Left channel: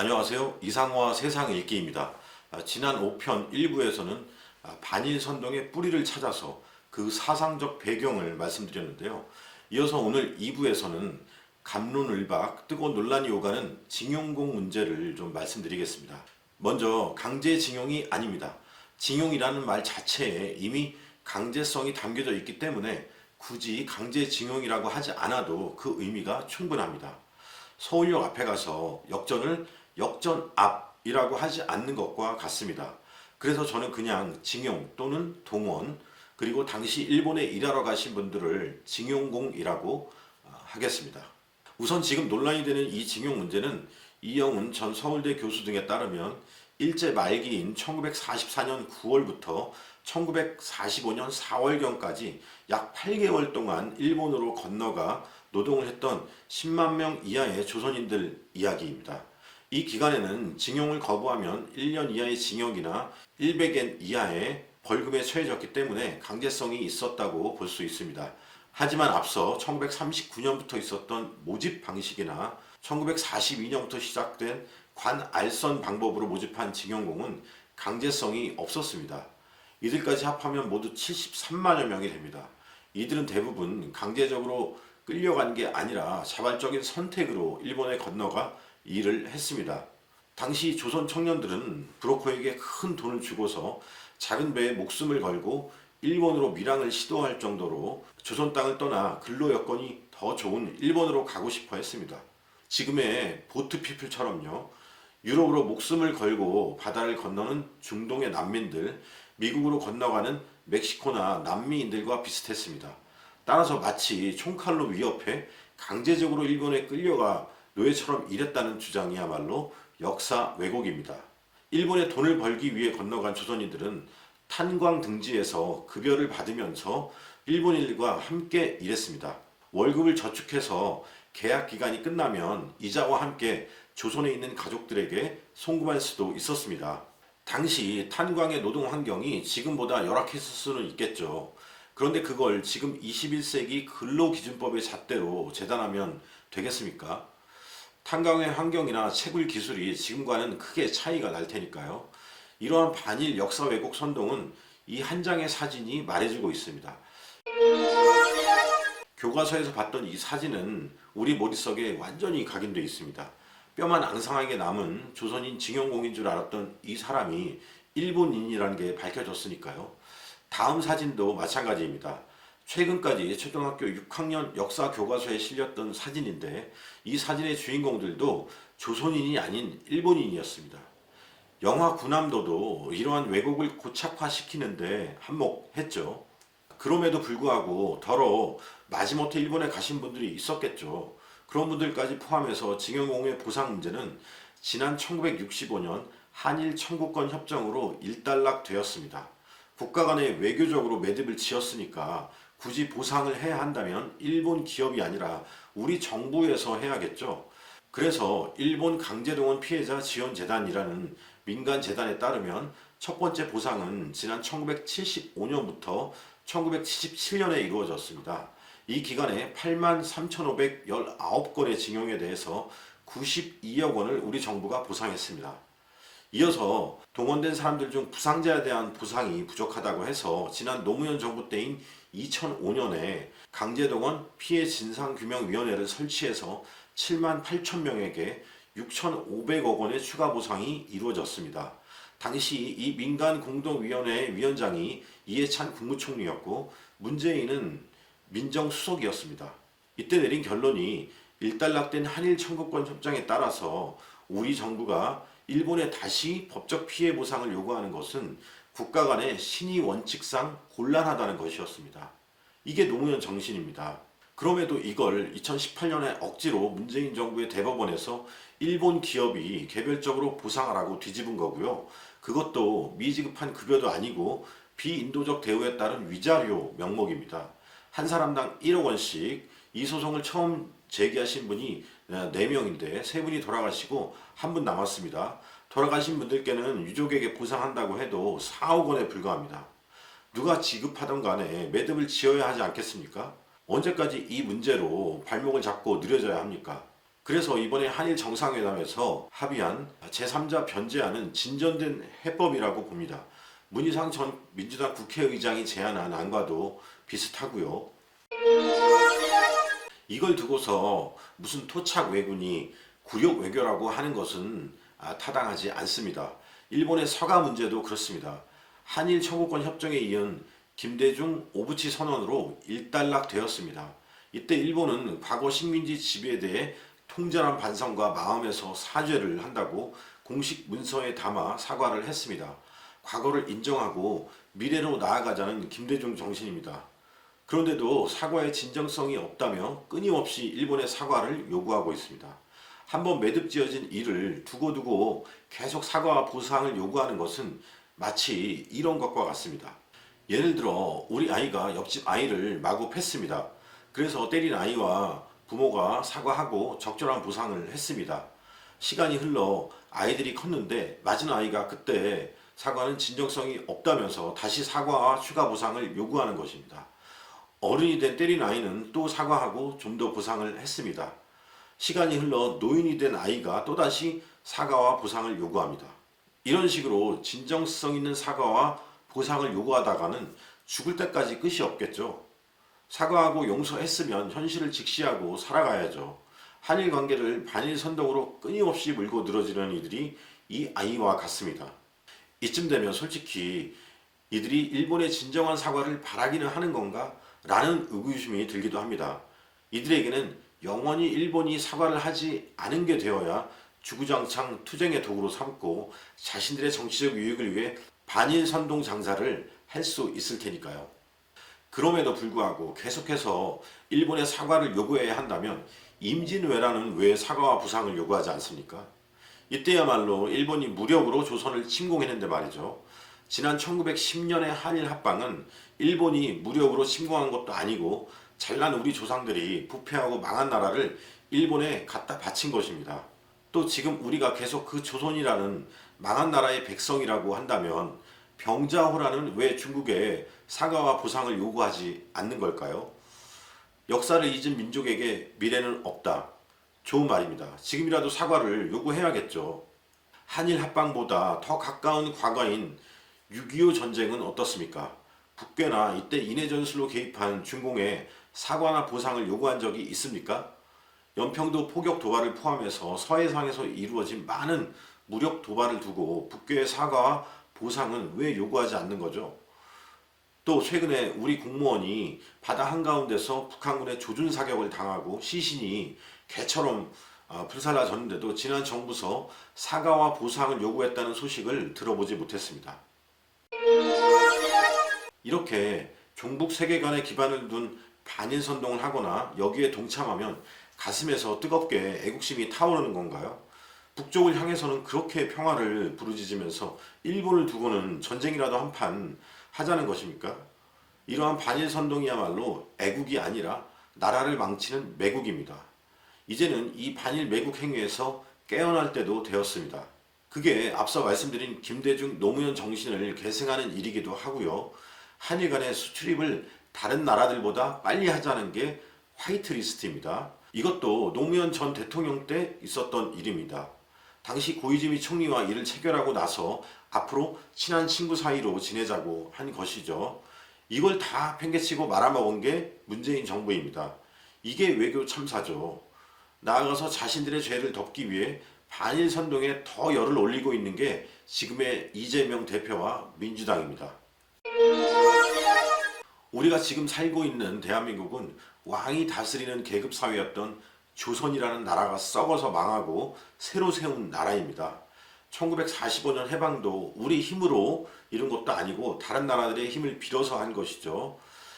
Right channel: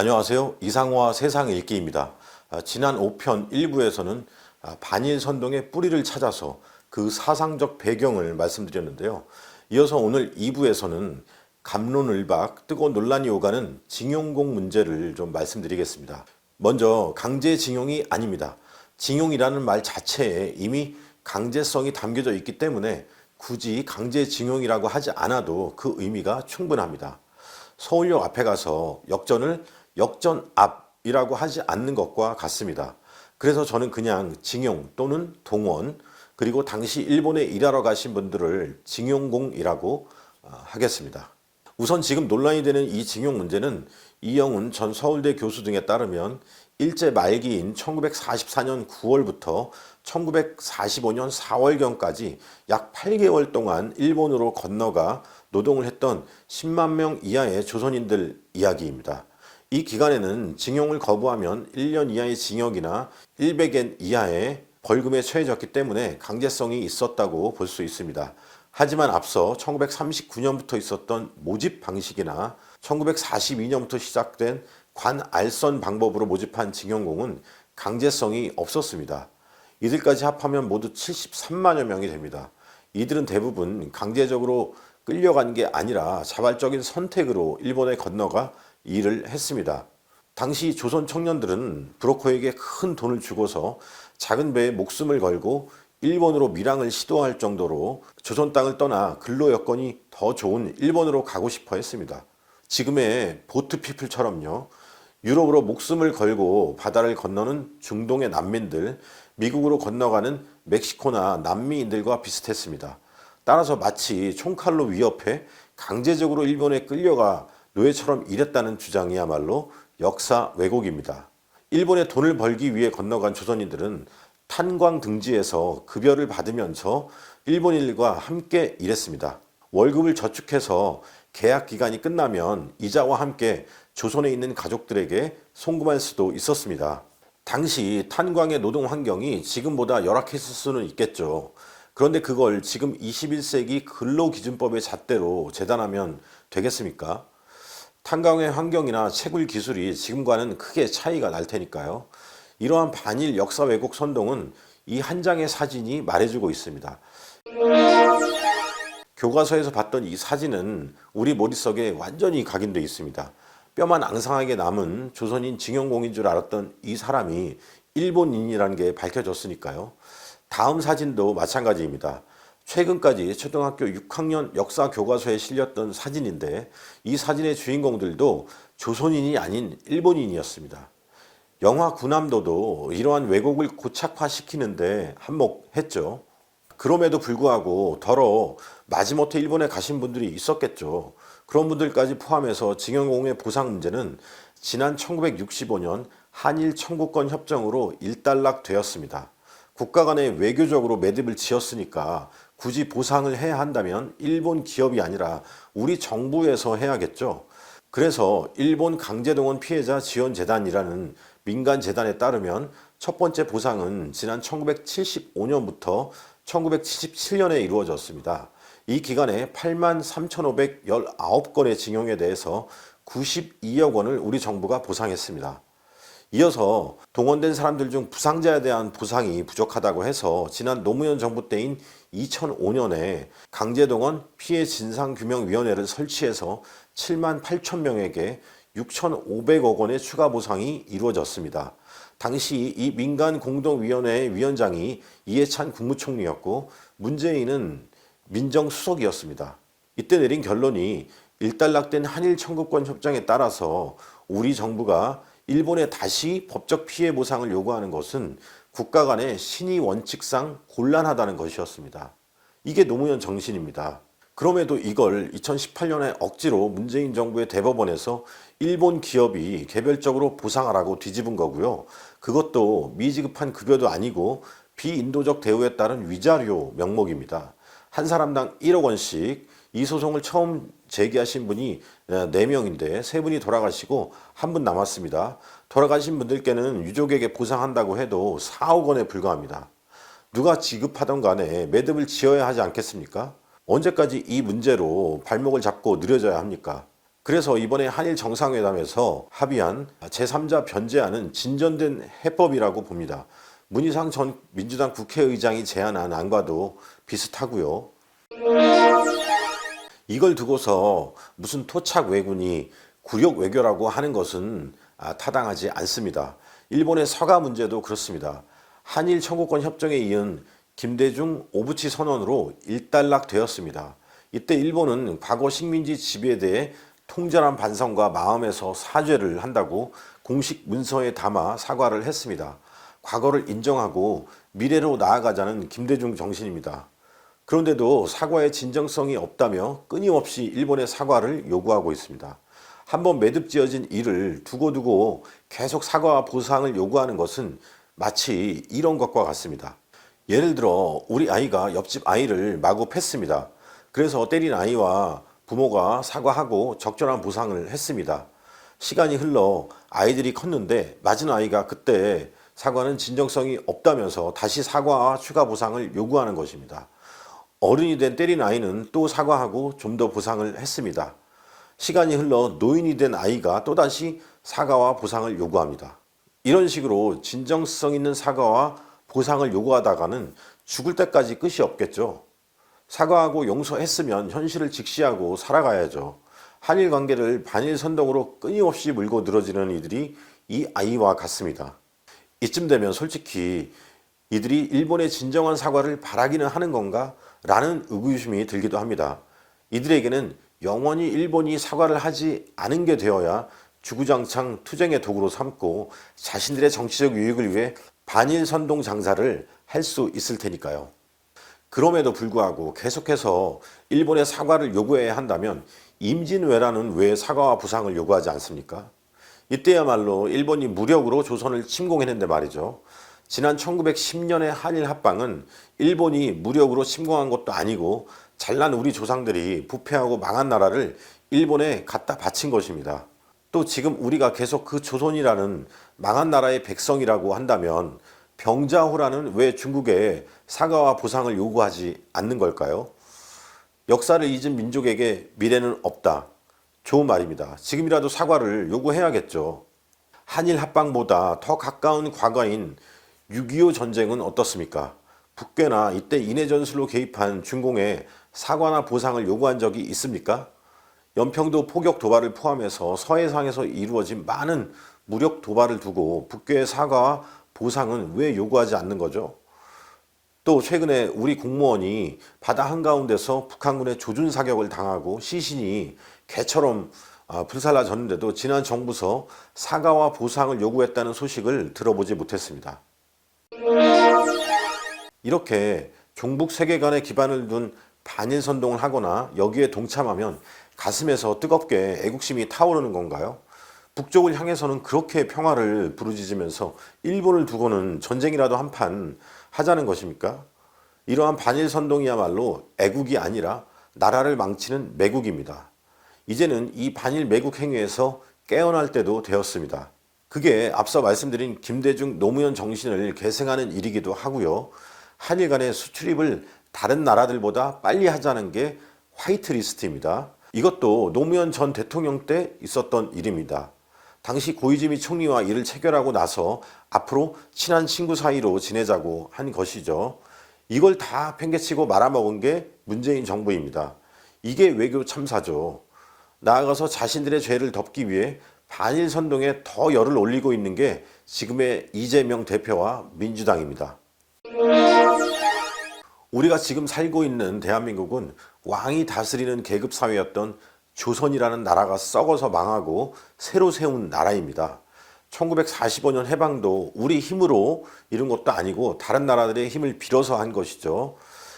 안녕하세요. 이상화 세상 읽기입니다. 아, 지난 5편 1부에서는 아, 반일 선동의 뿌리를 찾아서 그 사상적 배경을 말씀드렸는데요. 이어서 오늘 2부에서는 감론을박 뜨거운 논란이 오가는 징용공 문제를 좀 말씀드리겠습니다. 먼저 강제징용이 아닙니다. 징용이라는 말 자체에 이미 강제성이 담겨져 있기 때문에 굳이 강제징용이라고 하지 않아도 그 의미가 충분합니다. 서울역 앞에 가서 역전을 역전 앞이라고 하지 않는 것과 같습니다. 그래서 저는 그냥 징용 또는 동원 그리고 당시 일본에 일하러 가신 분들을 징용공이라고 아, 하겠습니다. 우선 지금 논란이 되는 이 징용 문제는 이영훈 전 서울대 교수 등에 따르면 일제 말기인 1944년 9월부터 1945년 4월경까지 약 8개월 동안 일본으로 건너가 노동을 했던 10만 명 이하의 조선인들 이야기입니다. 이 기간에는 징용을 거부하면 1년 이하의 징역이나 100엔 이하의 벌금에 처해졌기 때문에 강제성이 있었다고 볼 수 있습니다. 하지만 앞서 1939년부터 있었던 모집 방식이나 1942년부터 시작된 관알선 방법으로 모집한 징용공은 강제성이 없었습니다. 이들까지 합하면 모두 73만여 명이 됩니다. 이들은 대부분 강제적으로 끌려간 게 아니라 자발적인 선택으로 일본에 건너가 일을 했습니다. 당시 조선 청년들은 브로커에게 큰 돈을 주고서 작은 배에 목숨을 걸고 일본으로 밀항을 시도할 정도로 조선 땅을 떠나 근로 여건이 더 좋은 일본으로 가고 싶어 했습니다. 지금의 보트피플처럼요. 유럽으로 목숨을 걸고 바다를 건너는 중동의 난민들, 미국으로 건너가는 멕시코나 남미인들과 비슷했습니다. 따라서 마치 총칼로 위협해 강제적으로 일본에 끌려가 노예처럼 일했다는 주장이야말로 역사 왜곡입니다. 일본에 돈을 벌기 위해 건너간 조선인들은 탄광 등지에서 급여를 받으면서 일본인과 함께 일했습니다. 월급을 저축해서 계약 기간이 끝나면 이자와 함께 조선에 있는 가족들에게 송금할 수도 있었습니다. 당시 탄광의 노동 환경이 지금보다 열악했을 수는 있겠죠. 그런데 그걸 지금 21세기 근로기준법의 잣대로 재단하면 되겠습니까? 탄광의 환경이나 채굴 기술이 지금과는 크게 차이가 날 테니까요. 이러한 반일 역사 왜곡 선동은 이 한 장의 사진이 말해주고 있습니다. 교과서에서 봤던 이 사진은 우리 머릿속에 완전히 각인되어 있습니다. 뼈만 앙상하게 남은 조선인 징용공인 줄 알았던 이 사람이 일본인이라는 게 밝혀졌으니까요. 다음 사진도 마찬가지입니다. 최근까지 초등학교 6학년 역사 교과서에 실렸던 사진인데 이 사진의 주인공들도 조선인이 아닌 일본인이었습니다. 영화 구남도도 이러한 왜곡을 고착화시키는데 한몫했죠. 그럼에도 불구하고 더러 마지못해 일본에 가신 분들이 있었겠죠. 그런 분들까지 포함해서 징용공의 보상 문제는 지난 1965년 한일 청구권 협정으로 일단락되었습니다. 국가 간에 외교적으로 매듭을 지었으니까 굳이 보상을 해야 한다면 일본 기업이 아니라 우리 정부에서 해야겠죠. 그래서 일본 강제동원 피해자 지원재단이라는 민간재단에 따르면 첫 번째 보상은 지난 1975년부터 1977년에 이루어졌습니다. 이 기간에 8만 3,519건의 징용에 대해서 92억 원을 우리 정부가 보상했습니다. 이어서 동원된 사람들 중 부상자에 대한 보상이 부족하다고 해서 지난 노무현 정부 때인 2005년에 강제동원 피해 진상규명위원회를 설치해서 7만 8천 명에게 6,500억 원의 추가 보상이 이루어졌습니다. 당시 이 민간 공동위원회의 위원장이 이해찬 국무총리였고 문재인은 민정수석이었습니다. 이때 내린 결론이 일단락된 한일 청구권 협정에 따라서 우리 정부가 일본에 다시 법적 피해 보상을 요구하는 것은 국가 간의 신의 원칙상 곤란하다는 것이었습니다. 이게 노무현 정신입니다. 그럼에도 이걸 2018년에 억지로 문재인 정부의 대법원에서 일본 기업이 개별적으로 보상하라고 뒤집은 거고요. 그것도 미지급한 급여도 아니고 비인도적 대우에 따른 위자료 명목입니다. 한 사람당 1억 원씩 이 소송을 처음 제기하신 분이 4명인데 3분이 돌아가시고 한분 남았습니다. 돌아가신 분들께는 유족에게 보상한다고 해도 4억 원에 불과합니다. 누가 지급하던 간에 매듭을 지어야 하지 않겠습니까? 언제까지 이 문제로 발목을 잡고 느려져야 합니까? 그래서 이번에 한일 정상회담에서 합의한 제3자 변제안은 진전된 해법이라고 봅니다. 문희상 전 민주당 국회의장이 제안한 안과도 비슷하고요. 이걸 두고서 무슨 토착 왜군이 굴욕 외교라고 하는 것은 아, 타당하지 않습니다. 일본의 서가 문제도 그렇습니다. 한일 청구권 협정에 이은 김대중 오부치 선언으로 일단락되었습니다. 이때 일본은 과거 식민지 지배에 대해 통절한 반성과 마음에서 사죄를 한다고 공식 문서에 담아 사과를 했습니다. 과거를 인정하고 미래로 나아가자는 김대중 정신입니다. 그런데도 사과의 진정성이 없다며 끊임없이 일본의 사과를 요구하고 있습니다. 한번 매듭 지어진 일을 두고두고 계속 사과와 보상을 요구하는 것은 마치 이런 것과 같습니다. 예를 들어 우리 아이가 옆집 아이를 마구 팼습니다. 그래서 때린 아이와 부모가 사과하고 적절한 보상을 했습니다. 시간이 흘러 아이들이 컸는데 맞은 아이가 그때 사과는 진정성이 없다면서 다시 사과와 추가 보상을 요구하는 것입니다. 어른이 된 때린 아이는 또 사과하고 좀 더 보상을 했습니다. 시간이 흘러 노인이 된 아이가 또다시 사과와 보상을 요구합니다. 이런 식으로 진정성 있는 사과와 보상을 요구하다가는 죽을 때까지 끝이 없겠죠. 사과하고 용서했으면 현실을 직시하고 살아가야죠. 한일 관계를 반일 선동으로 끊임없이 물고 늘어지는 이들이 이 아이와 같습니다. 이쯤 되면 솔직히 이들이 일본의 진정한 사과를 바라기는 하는 건가? 라는 의구심이 들기도 합니다. 이들에게는 영원히 일본이 사과를 하지 않은 게 되어야 주구장창 투쟁의 도구로 삼고 자신들의 정치적 유익을 위해 반일 선동 장사를 할 수 있을 테니까요. 그럼에도 불구하고 계속해서 일본의 사과를 요구해야 한다면 임진왜란은 왜 사과와 부상을 요구하지 않습니까? 이때야말로 일본이 무력으로 조선을 침공했는데 말이죠. 지난 1910년의 한일 합방은 일본이 무력으로 침공한 것도 아니고 잘난 우리 조상들이 부패하고 망한 나라를 일본에 갖다 바친 것입니다. 또 지금 우리가 계속 그 조선이라는 망한 나라의 백성이라고 한다면 병자호란은 왜 중국에 사과와 보상을 요구하지 않는 걸까요? 역사를 잊은 민족에게 미래는 없다. 좋은 말입니다. 지금이라도 사과를 요구해야겠죠. 한일 합방보다 더 가까운 과거인 6.25 전쟁은 어떻습니까? 북괴나 이때 인해 전술로 개입한 중공에 사과나 보상을 요구한 적이 있습니까? 연평도 포격 도발을 포함해서 서해상에서 이루어진 많은 무력 도발을 두고 북괴의 사과와 보상은 왜 요구하지 않는 거죠? 또 최근에 우리 공무원이 바다 한가운데서 북한군의 조준 사격을 당하고 시신이 개처럼 아, 불살라졌는데도 지난 정부서 사과와 보상을 요구했다는 소식을 들어보지 못했습니다. 이렇게 종북 세계관에 기반을 둔 반일 선동을 하거나 여기에 동참하면 가슴에서 뜨겁게 애국심이 타오르는 건가요? 북쪽을 향해서는 그렇게 평화를 부르짖으면서 일본을 두고는 전쟁이라도 한 판 하자는 것입니까? 이러한 반일 선동이야말로 애국이 아니라 나라를 망치는 매국입니다. 이제는 이 반일 매국 행위에서 깨어날 때도 되었습니다. 그게 앞서 말씀드린 김대중 노무현 정신을 계승하는 일이기도 하고요. 한일 간의 수출입을 다른 나라들보다 빨리 하자는 게 화이트 리스트입니다. 이것도 노무현 전 대통령 때 있었던 일입니다. 당시 고이즈미 총리와 이를 체결하고 나서 앞으로 친한 친구 사이로 지내자고 한 것이죠. 이걸 다 팽개치고 말아먹은 게 문재인 정부입니다. 이게 외교 참사죠. 나아가서 자신들의 죄를 덮기 위해 반일 선동에 더 열을 올리고 있는 게 지금의 이재명 대표와 민주당입니다. 우리가 지금 살고 있는 대한민국은 왕이 다스리는 계급 사회였던 조선이라는 나라가 썩어서 망하고 새로 세운 나라입니다. 1945년 해방도 우리 힘으로 이룬 것도 아니고 다른 나라들의 힘을 빌어서 한 것이죠.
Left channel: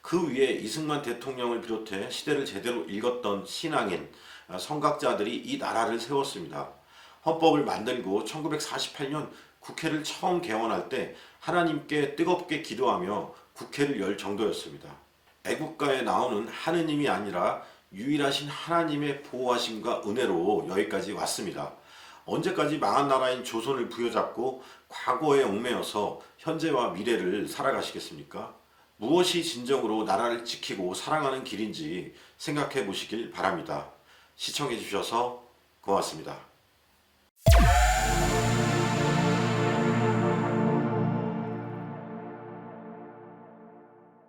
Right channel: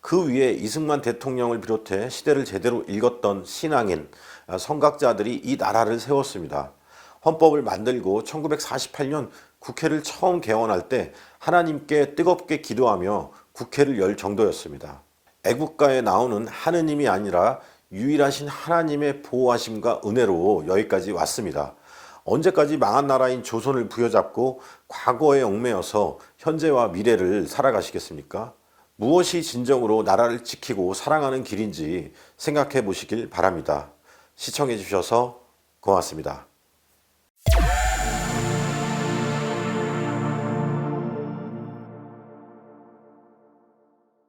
그 위에 이승만 대통령을 비롯해 시대를 제대로 읽었던 신앙인, 성각자들이 이 나라를 세웠습니다. 헌법을 만들고 1948년 국회를 처음 개원할 때 하나님께 뜨겁게 기도하며 국회를 열 정도였습니다. 애국가에 나오는 하느님이 아니라 유일하신 하나님의 보호하심과 은혜로 여기까지 왔습니다. 언제까지 망한 나라인 조선을 부여잡고 과거에 얽매여서 현재와 미래를 살아가시겠습니까? 무엇이 진정으로 나라를 지키고 사랑하는 길인지 생각해 보시길 바랍니다. 시청해 주셔서 고맙습니다.